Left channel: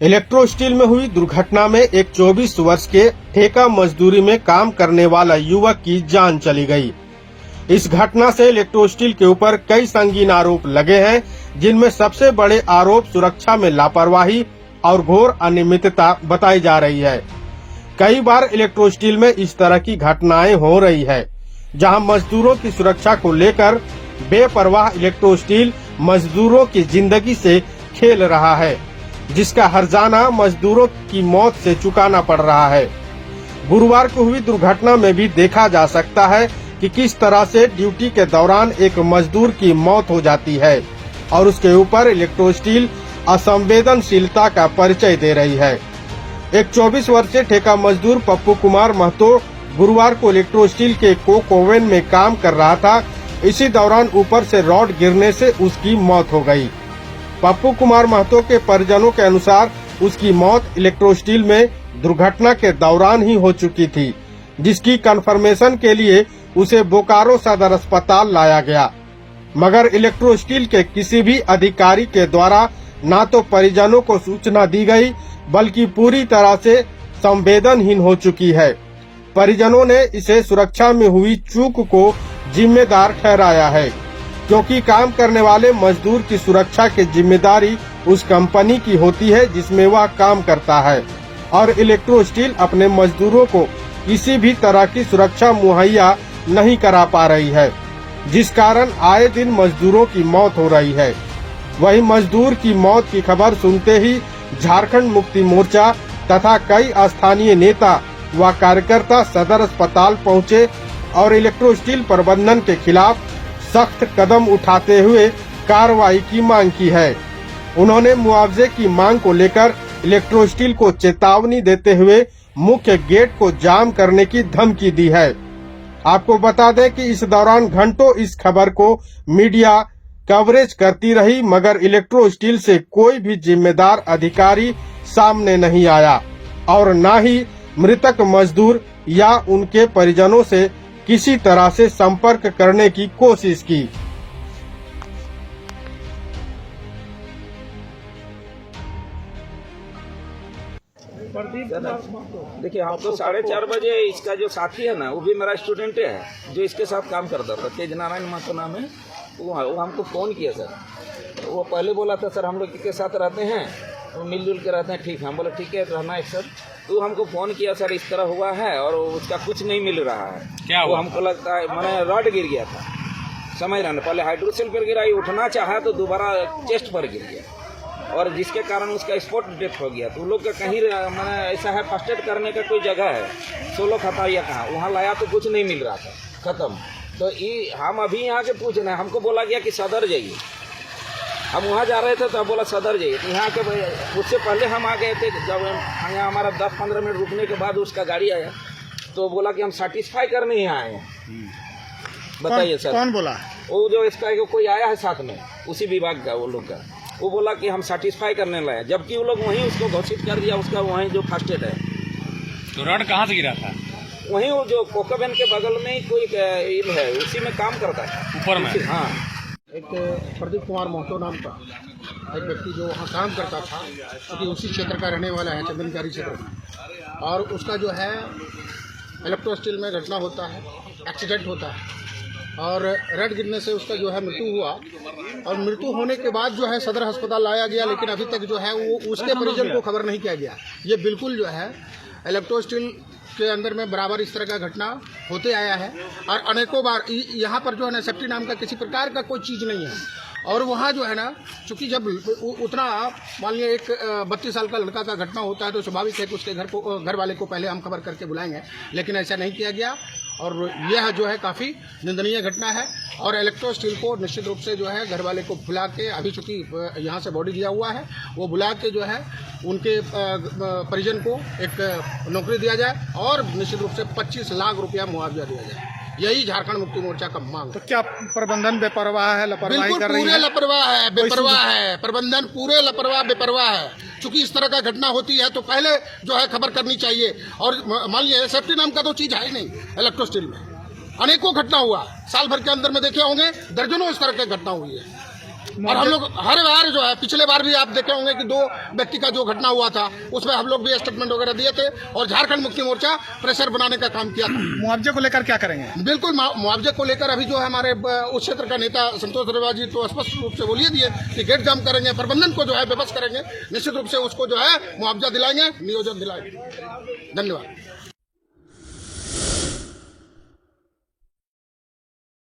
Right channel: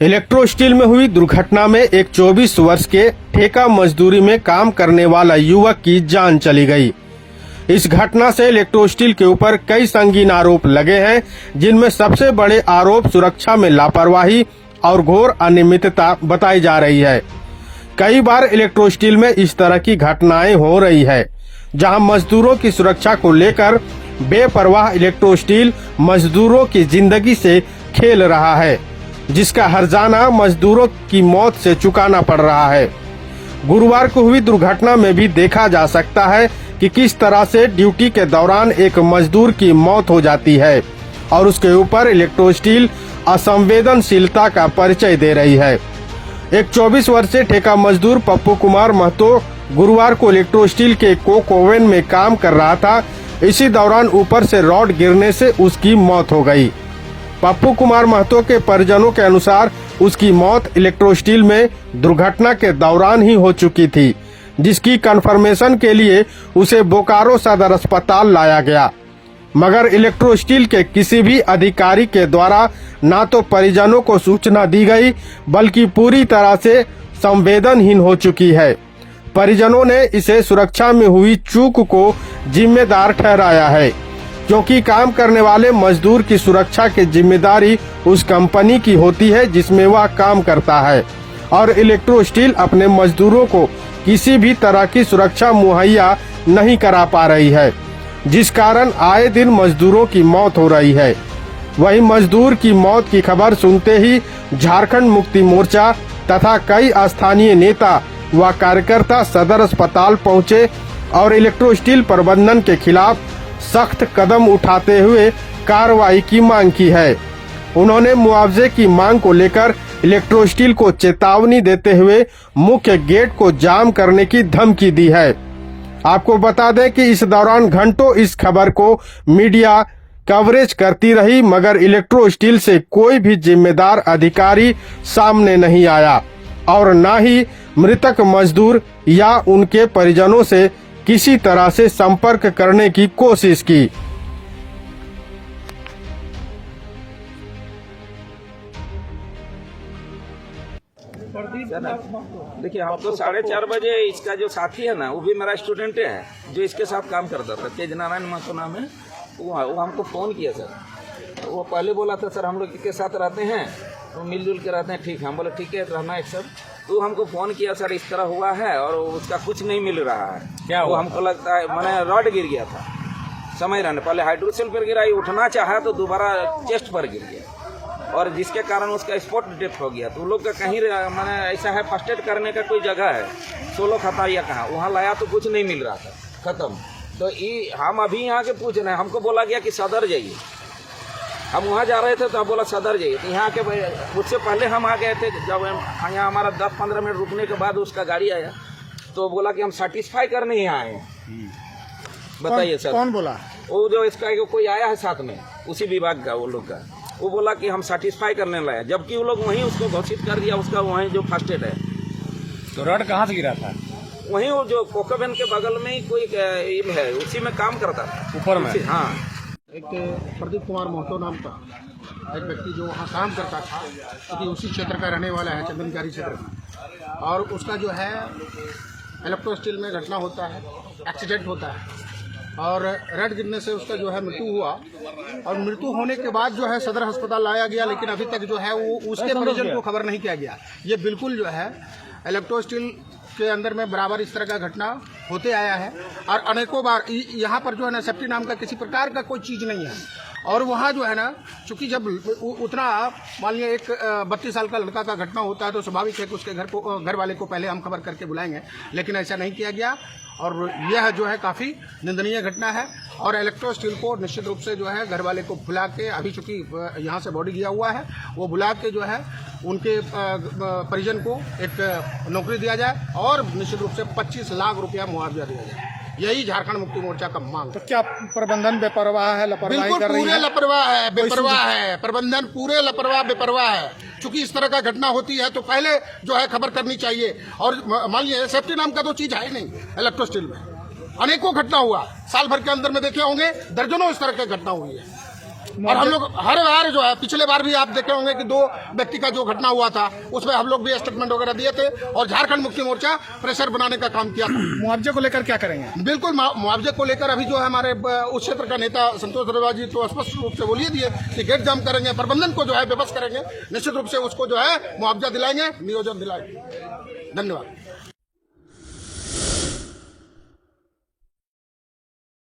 Electro steel में हुई दुर्घटना में एक 24 वर्ष के ठेका मजदूरी में काम करने वाला युवक की जान चली गई। इस घटना से इलेक्ट्रो स्टील के ऊपर कई संगीन आरोप लगे हैं, जिनमें सबसे बड़े आरोप सुरक्षा में लापरवाही और घोर अनियमितता बताई जा रही है। कई बार इलेक्ट्रो स्टील में इस तरह की घटनाएं हो रही है, जहां मजदूरों की सुरक्षा को लेकर बेपरवाह इलेक्ट्रो स्टील मजदूरों की जिंदगी से खेल रहा है, जिसका हर्जाना मजदूरों की मौत से चुकाना पड़ रहा है। गुरुवार को हुई दुर्घटना में भी देखा जा सकता है कि किस तरह से ड्यूटी के दौरान एक मजदूर की मौत हो जाती है और उसके ऊपर इलेक्ट्रो स्टील असंवेदनशीलता का परिचय दे रही है। एक 24 वर्षीय ठेका मजदूर पप्पू कुमार महतो गुरुवार को इलेक्ट्रो स्टील के कोक ओवन में काम कर रहा था। इसी दौरान ऊपर से रॉड गिरने से उसकी मौत हो गई। पप्पू कुमार महतो के परिजनों के अनुसार उसकी मौत इलेक्ट्रो स्टील में दुर्घटना के दौरान ही हो चुकी थी, जिसकी कंफर्मेशन के लिए उसे बोकारो सदर अस्पताल लाया गया, मगर इलेक्ट्रो स्टील के किसी भी अधिकारी के द्वारा न तो परिजनों को सूचना दी गई, बल्कि पूरी तरह से संवेदनहीन हो चुकी है। परिजनों ने इसे सुरक्षा में हुई चूक को जिम्मेदार ठहराया है, क्योंकि काम करने वाले मजदूर की सुरक्षा की जिम्मेदारी उस कंपनी की होती है जिसमें वह काम करता है, और इलेक्ट्रो स्टील अपने मजदूरों को किसी भी तरह की सुरक्षा मुहैया नहीं करा पा रही है, जिस कारण आए दिन मजदूरों की मौत हो रही है। वहीं मजदूर की मौत की खबर सुनते ही झारखंड मुक्ति मोर्चा तथा कई स्थानीय नेता व कार्यकर्ता सदर अस्पताल पहुंचे और इलेक्ट्रो स्टील प्रबंधन के खिलाफ सख्त कदम उठाते हुए कार्रवाई की मांग की है। उन्होंने मुआवजे की मांग को लेकर इलेक्ट्रो स्टील को चेतावनी देते हुए मुख्य गेट को जाम करने की धमकी दी है। आपको बता दें कि इस दौरान घंटों इस खबर को मीडिया कवरेज करती रही, मगर इलेक्ट्रो स्टील से कोई भी जिम्मेदार अधिकारी सामने नहीं आया और न ही मृतक मजदूर या उनके परिजनों से किसी तरह से संपर्क करने की कोशिश की। देखिए, हम तो 4:30 बजे इसका जो साथी है ना, वो भी मेरा स्टूडेंट है, जो इसके साथ काम करता था, तेज नारायण महतो नाम है। वो हमको फ़ोन किया सर। वो पहले बोला था सर हम लोग के साथ रहते हैं, तो मिलजुल के रहते हैं, ठीक है। हम बोले ठीक है, रहना है सर। तो हमको फ़ोन किया सर इस तरह हुआ है और उसका कुछ नहीं मिल रहा है। क्या वो हमको लगता है मैंने रॉड गिर गया था समय रहने, पहले हाइड्रोसेल पर गिरा, उठना चाहा तो दोबारा चेस्ट पर गिर गया, और जिसके कारण उसका स्पॉट डेथ हो गया। तो लोग का कहीं मैंने ऐसा है, फर्स्ट एड करने का कोई जगह है, 16 खाता या कहाँ, वहाँ लाया तो कुछ नहीं मिल रहा था, खत्म। तो हम अभी यहाँ के पूछ रहे हैं, हमको बोला गया कि सदर जाइए। हम वहाँ जा रहे थे तो बोला सदर जाइए, तो यहाँ के उससे पहले हम आ गए थे। जब यहाँ हमारा 10-15 मिनट रुकने के बाद उसका गाड़ी आया तो बोला कि हम सेटिस्फाई करने ही आए हैं। बताइए सर, कौन बोला? वो जो इसका कोई आया है साथ में, उसी विभाग का वो लोग का, वो बोला कि हम सेटिस्फाई करने लाए, जबकि वो लोग वहीं उसको घोषित कर दिया, उसका वहीं जो फर्स्ट एड है। रॉड कहाँ से गिरा था? वहीं वो जो कोकोबेन के बगल में ही कोई है, उसी में काम करता था, ऊपर में। हाँ। एक प्रदीप कुमार महतो नाम का एक व्यक्ति जो वहाँ काम करता था, क्योंकि उसी क्षेत्र का रहने वाला है, चंदनकारी क्षेत्र का, और उसका जो है इलेक्ट्रो स्टील में घटना होता है, एक्सीडेंट होता है और रॉड गिरने से उसका जो है मृत्यु हुआ। और मृत्यु होने के बाद जो है सदर अस्पताल लाया गया, लेकिन अभी तक जो है वो उसके परिजन को खबर नहीं किया गया। ये बिल्कुल जो है इलेक्ट्रो स्टील के अंदर में बराबर इस तरह का घटना होते आया है, और अनेकों बार यहाँ पर जो है ना सेफ्टी नाम का किसी प्रकार का कोई चीज़ नहीं है। और वहाँ जो है ना, चूँकि जब उतना मान लिया एक 32 साल का लड़का का घटना होता है तो स्वाभाविक है कि उसके घर वाले को पहले हम खबर करके बुलाएंगे, लेकिन ऐसा नहीं किया गया। और यह जो है काफ़ी निंदनीय घटना है, और इलेक्ट्रो स्टील को निश्चित रूप से जो है घर वाले को बुला के, अभी चूँकि यहाँ से बॉडी दिया हुआ है, वो बुला के जो है उनके परिजन को एक नौकरी दिया जाए और निश्चित रूप से 25 लाख रुपया मुआवजा दिया जाए। यही झारखंड मुक्ति मोर्चा का मांग। तो क्या प्रबंधन बेपरवाह है, लापरवाही कर रही है? पूरे लापरवाह है, बेपरवाह है, प्रबंधन पूरे लापरवाह बेपरवाह है। चूंकि इस तरह का घटना होती है तो पहले जो है खबर करनी चाहिए। और मान लीजिए सेफ्टी नाम का तो चीज है ही नहीं इलेक्ट्रो स्टील में। अनेकों घटना हुआ, साल भर के अंदर में देखे होंगे दर्जनों इस तरह की घटना हुई है। और हम लोग हर बार जो है, पिछले बार भी आप देखे होंगे कि 2 व्यक्ति का जो घटना हुआ था उसमें हम लोग भी स्टेटमेंट वगैरह दिए थे और झारखंड मुक्ति मोर्चा प्रेशर बनाने का काम किया था। मुआवजे को लेकर क्या करेंगे? बिल्कुल मुआवजे को लेकर अभी जो है हमारे उस क्षेत्र का नेता संतोष दरबार जी तो स्पष्ट रूप से बोलिए दिए कि गेट जाम करेंगे, प्रबंधन को जो है विवश करेंगे, निश्चित रूप से उसको जो है मुआवजा दिलाएंगे, नियोजन दिलाएंगे। धन्यवाद।